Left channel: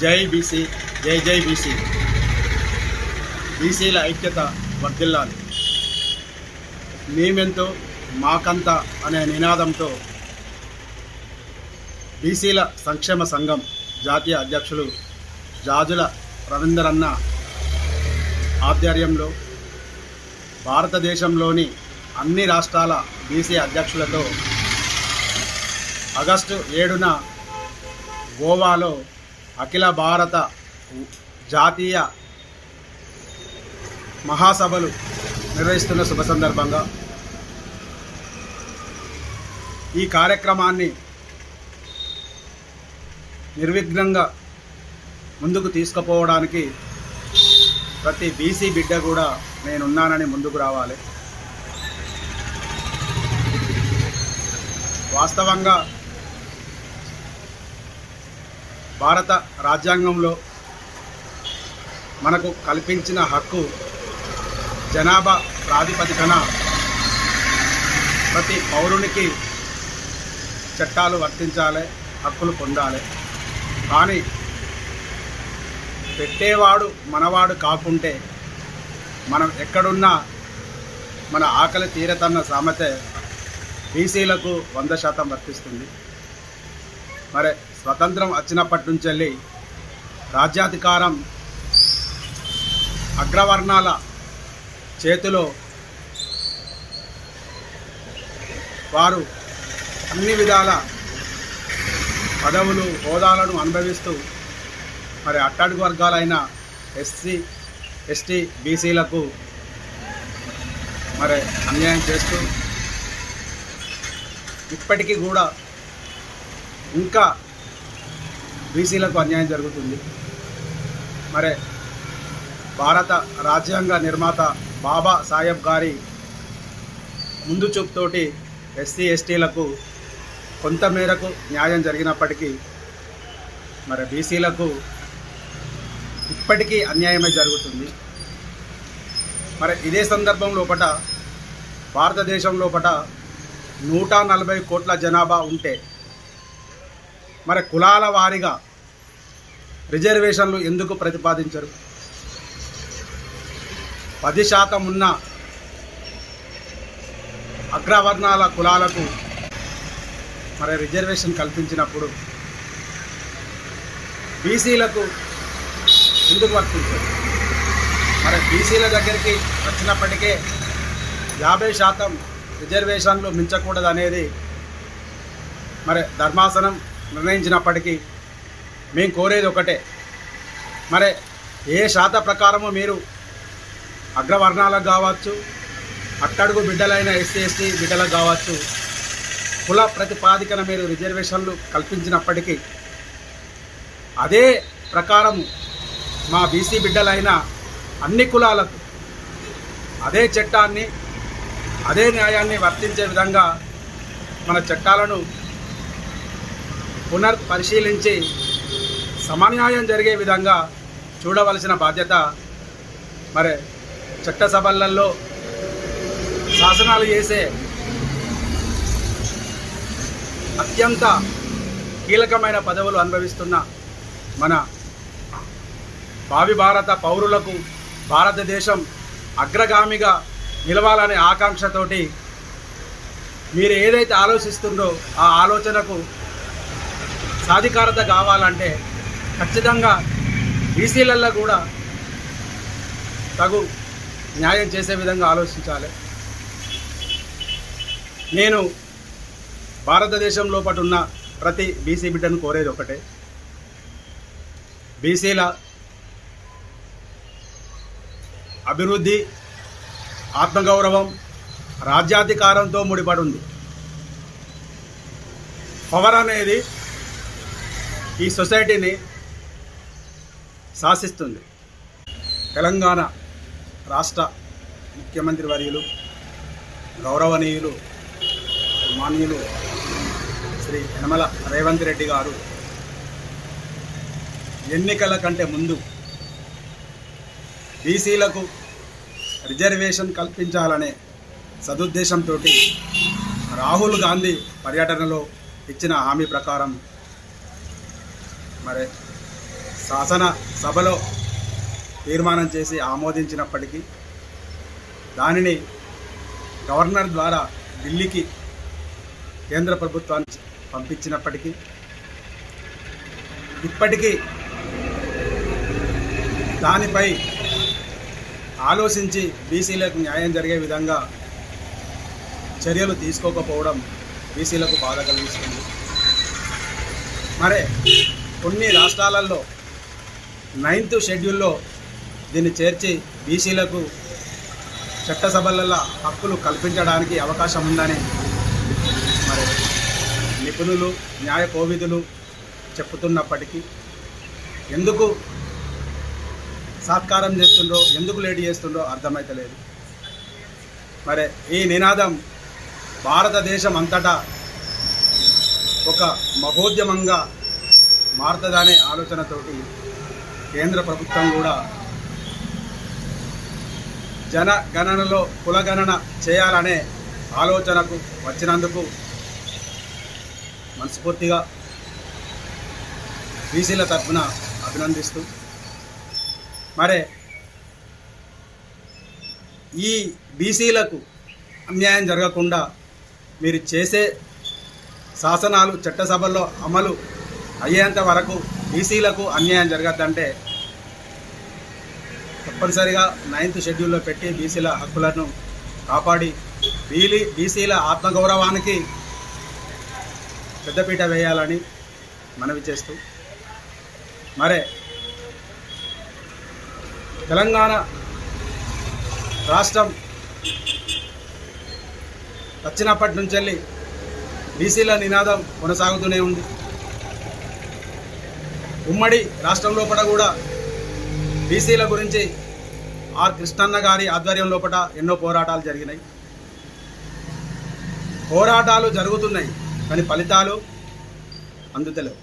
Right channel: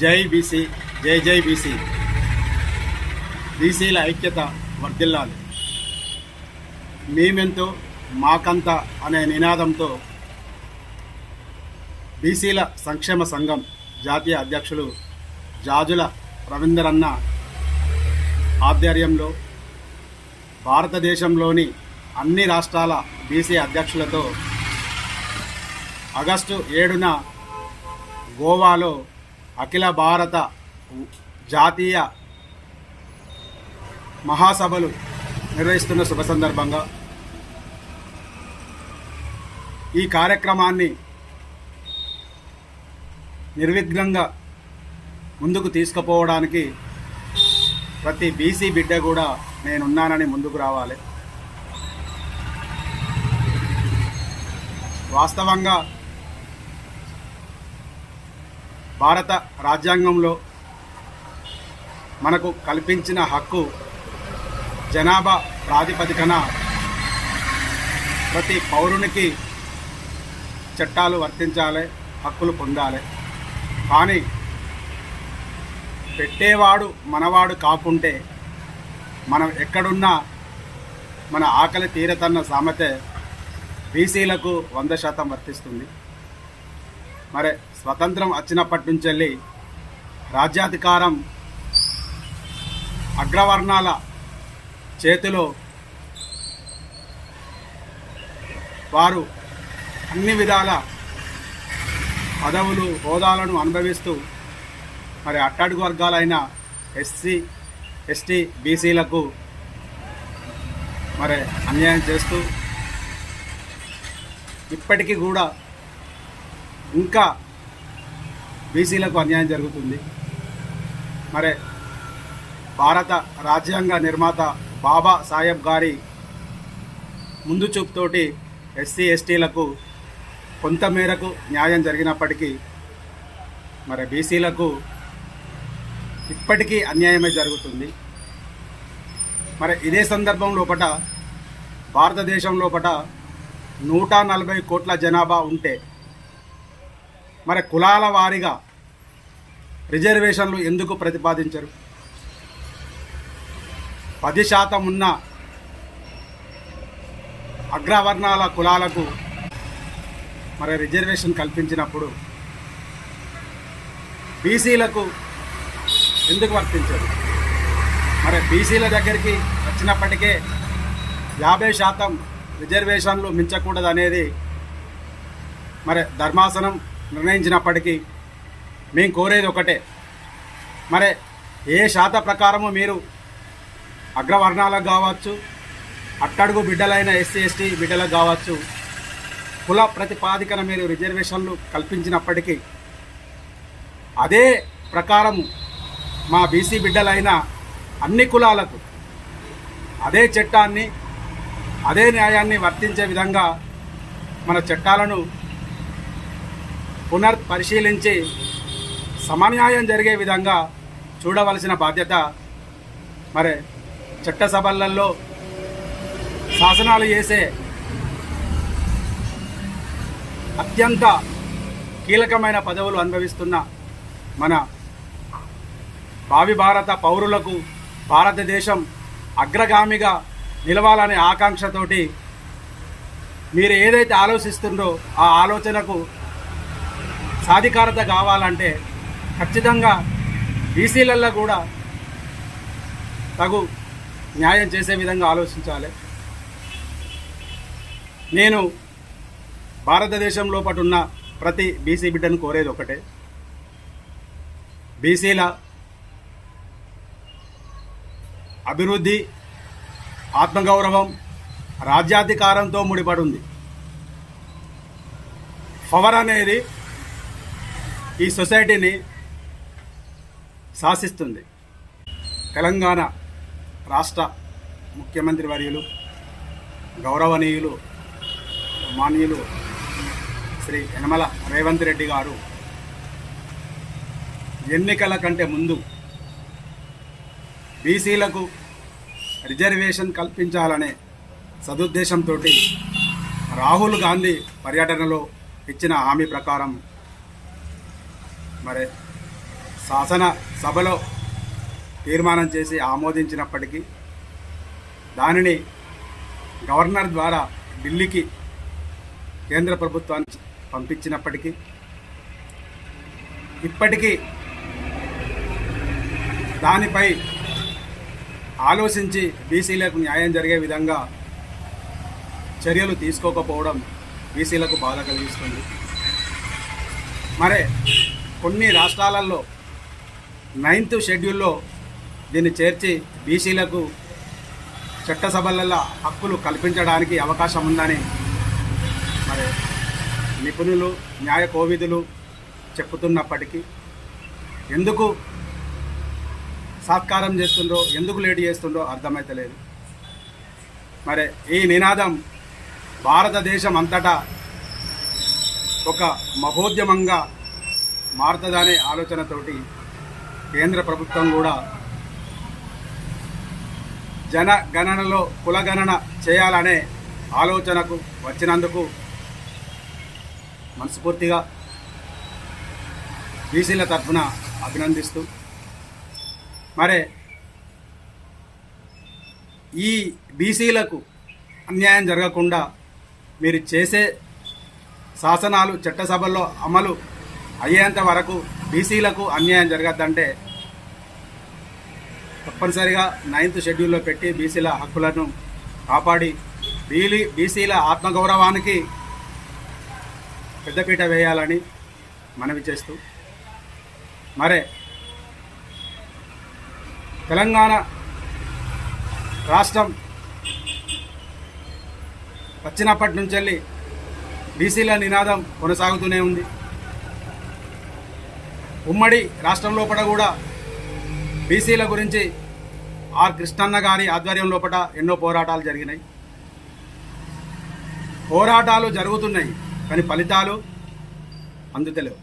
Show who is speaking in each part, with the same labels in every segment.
Speaker 1: జై బీసీ జై జై బీసీ. బీసీల ఐక్యత వర్ధిల్లాలి. మేమెంతో మాకంత అనే నినాదంతో బీసీల సంక్షేమ సంఘం జాతీయ అధ్యక్షులు జాజుల రవీందరన్న ఆధ్వర్యంలో భారతదేశంలోని అన్ని రాష్ట్రాల బీసీ అధ్యక్షులతో ఆగస్టు ఏడున గోవాలో అఖిల భారత జాతీయ మహాసభలు నిర్వహిస్తున్న శుభ సందర్భంగా ఈ కార్యక్రమాన్ని నిర్విఘ్నంగా ముందుకు తీసుకుపోవడానికి ప్రతి బీసీ బిడ్డ కూడా నేనున్నానని ముందుకు రావాలి. వాస్తవంగా భారత రాజ్యాంగంలో మనకు కల్పించిన హక్కు జనాభా ప్రాతిపదికన ప్రతి పౌరునికి చట్టాలు వర్తించాలి హక్కులు పొందాలి. కానీ పెట్టేవాడు మనవాడు కాకుంటే మనం ఎక్కడున్నా మన ఆకలి తీరతన్న సామెత బీసీలకు వంద శాతం వర్తిస్తుంది. మరి స్వతంత్రం వచ్చినప్పటి నుంచి వెళ్ళి రాజ్యాధికారం అగ్రవర్ణాల చేతిలో వారు అన్ని విధాల పదవులు హోదాలను అనుభవిస్తూ మరి అట్టడుగు వర్గాలైన ఎస్సీ ఎస్టీ బీసీలకు మరి అన్యాయం చేస్తూ ఇప్పటికీ కూడా ఇంకా బీసీలకు అన్యాయం జరుగుతుంది. మరి భారత రాజ్యాంగ నిర్మాత బాబా సాహెబ్ గారి ముందు చూపుతోటి ఎస్సీ ఎస్టీలకు కొంత మేరకు న్యాయం జరిగినప్పటికీ మరి బీసీలకు ఇప్పటికీ అన్యాయమే జరుగుతుంది. మరి ఇదే సందర్భం లోపల భారతదేశం లోపల నూట నలభై కోట్ల జనాభా ఉంటే మరి కులాల వారీగా రిజర్వేషన్లు ఎందుకు ప్రతిపాదించరు? పది శాతం ఉన్న అగ్రవర్ణాల కులాలకు మరి రిజర్వేషన్ కల్పించినప్పుడు బీసీలకు ఎందుకు వర్తించదు మరి బీసీల దగ్గరికి వచ్చినప్పటికే యాభై శాతం రిజర్వేషన్లు మించకూడదనేది మరి ధర్మాసనం నిర్ణయించినప్పటికీ మేము కోరేది ఒకటే. మరి ఏ శాత ప్రకారము మీరు అగ్రవర్ణాలకు కావచ్చు అట్టడుగు బిడ్డలైన ఎస్సీ ఎస్టీ బిడ్డలకు కావచ్చు కుల ప్రతిపాదికన మీరు రిజర్వేషన్లు కల్పించినప్పటికీ అదే ప్రకారం మా బీసీ బిడ్డలైన అన్ని కులాలకు అదే చట్టాన్ని అదే న్యాయాన్ని వర్తించే విధంగా మన చట్టాలను పునర్ పరిశీలించి సమన్యాయం జరిగే విధంగా చూడవలసిన బాధ్యత మరి చట్టసభలలో శాసనాలు చేసే అత్యంత కీలకమైన పదవులు అనుభవిస్తున్న మన భావి భారత పౌరులకు భారతదేశం అగ్రగామిగా నిలవాలనే ఆకాంక్షతోటి మీరు ఏదైతే ఆలోచిస్తుండో ఆ ఆలోచనకు సాధికారత కావాలంటే ఖచ్చితంగా బీసీలలో కూడా తగు న్యాయం చేసే విధంగా ఆలోచించాలి. నేను భారతదేశంలో పాటు ఉన్న ప్రతి బీసీ బిడ్డను కోరేది ఒకటే. బీసీల అభివృద్ధి ఆత్మగౌరవం రాజ్యాధికారంతో ముడిపడి ఉంది. పవర్ అనేది ఈ సొసైటీని శాసిస్తుంది. తెలంగాణ రాష్ట్ర ముఖ్యమంత్రి వర్యులు గౌరవనీయులు మాన్యులు శ్రీ యనమల రేవంత్ రెడ్డి గారు ఎన్నికల కంటే ముందు బీసీలకు రిజర్వేషన్ కల్పించాలనే సదుద్దేశంతో రాహుల్ గాంధీ పర్యటనలో ఇచ్చిన హామీ ప్రకారం మరి శాసన సభలో తీర్మానం చేసి ఆమోదించినప్పటికీ దానిని గవర్నర్ ద్వారా ఢిల్లీకి కేంద్ర ప్రభుత్వానికి పంపించినప్పటికీ ఇప్పటికీ దానిపై ఆలోచించి బీసీలకు న్యాయం జరిగే విధంగా చర్యలు తీసుకోకపోవడం బీసీలకు బాధ కలిగిస్తుంది. మరే కొన్ని రాష్ట్రాలలో నైన్త్ షెడ్యూల్లో దీన్ని చేర్చి బీసీలకు చట్టసభలలో హక్కులు కల్పించడానికి అవకాశం ఉందని మరి నిపుణులు న్యాయ కోవిధులు చెప్పుతున్నప్పటికీ ఎందుకు సాత్కారం చేస్తుండో ఎందుకు లేట్ చేస్తుండో అర్థమైతలేదు మరి ఈ నినాదం భారతదేశం అంతటా ఒక మహోద్యమంగా మారుతుందనే ఆలోచనతోటి కేంద్ర ప్రభుత్వం కూడా జనగణనలో కులగణన చేయాలనే ఆలోచనకు వచ్చినందుకు మనస్ఫూర్తిగా బీసీల తరఫున అభినందిస్తూ మరే ఈ బీసీలకు అన్యాయం జరగకుండా మీరు చేసే శాసనాలు చట్టసభల్లో అమలు అయ్యేంత వరకు బీసీలకు అన్యాయం జరగద్దంటే తప్పనిసరిగా నైన్త్ షెడ్యూల్లో పెట్టి బీసీల హక్కులను కాపాడి బీలీ బీసీల ఆత్మగౌరవానికి పెద్దపీట వేయాలని మనవి చేస్తూ మరే తెలంగాణ రాష్ట్రం వచ్చినప్పటి నుంచి వెళ్ళి బీసీల నినాదం కొనసాగుతూనే ఉంది. ఉమ్మడి రాష్ట్రం లోపల కూడా బీసీల గురించి ఆర్ కృష్ణన్న గారి ఆధ్వర్యం లోపల ఎన్నో పోరాటాలు జరిగినాయి. పోరాటాలు జరుగుతున్నాయి కానీ ఫలితాలు అందుతలేవు.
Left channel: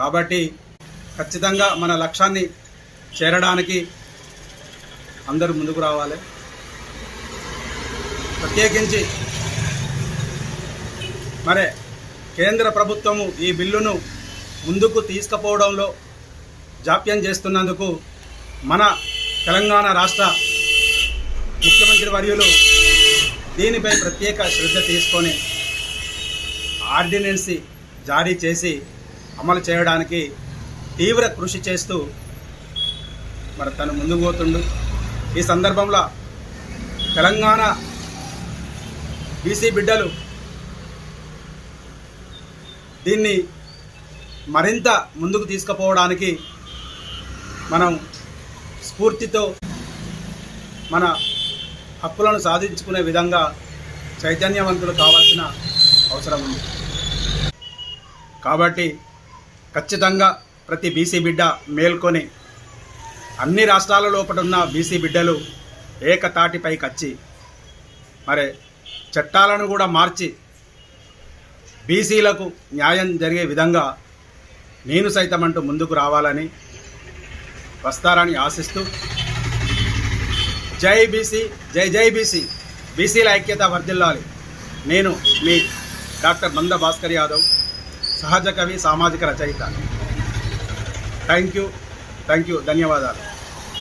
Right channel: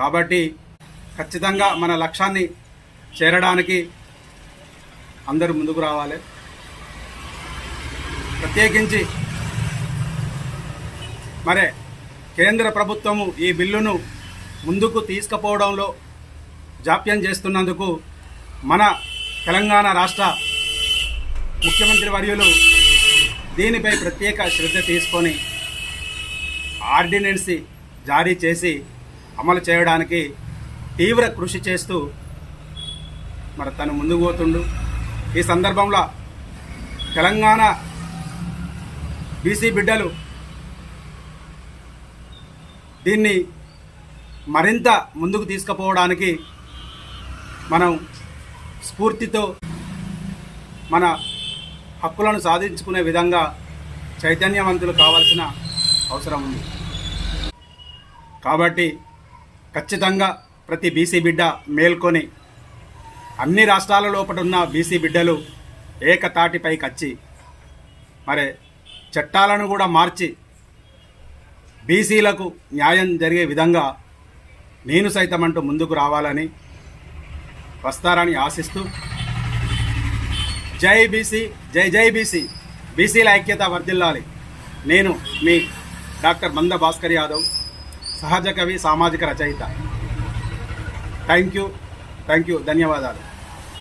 Speaker 1: కాబట్టి ఖచ్చితంగా మన లక్ష్యాన్ని చేరడానికి అందరూ ముందుకు రావాలి. ప్రత్యేకించి మరే కేంద్ర ప్రభుత్వము ఈ బిల్లును ముందుకు తీసుకుపోవడంలో జాప్యం చేస్తున్నందుకు మన తెలంగాణ రాష్ట్ర ముఖ్యమంత్రి వర్యులు దీనిపై ప్రత్యేక శ్రద్ధ తీసుకొని ఆర్డినెన్స్ జారీ చేసి అమలు చేయడానికి తీవ్ర కృషి చేస్తూ మరి తను ముందుకు పోతుండు. ఈ సందర్భంలో తెలంగాణ బీసీ బిడ్డలు దీన్ని మరింత ముందుకు తీసుకుపోవడానికి మనం స్ఫూర్తితో మన హక్కులను సాధించుకునే విధంగా చైతన్యవంతులు కావాల్సిన అవసరం ఉంది. కాబట్టి ఖచ్చితంగా ప్రతి బీసీ బిడ్డ మేల్కొని అన్ని రాష్ట్రాల లోపల ఉన్న బీసీ బిడ్డలు ఏకతాటిపైకి వచ్చి మరి చట్టాలను కూడా మార్చి బీసీలకు న్యాయం జరిగే విధంగా నేను సైతం అంటూ ముందుకు రావాలని వస్తారని ఆశిస్తూ జై బీసీ జై జై బీసీ బీసీల ఐక్యత వర్ధిల్లాలి. నేను మీ డాక్టర్ మంద భాస్కర్ యాదవ్ సహజ కవి సామాజిక రచయిత. థ్యాంక్ యూ థ్యాంక్ యూ ధన్యవాదాలు.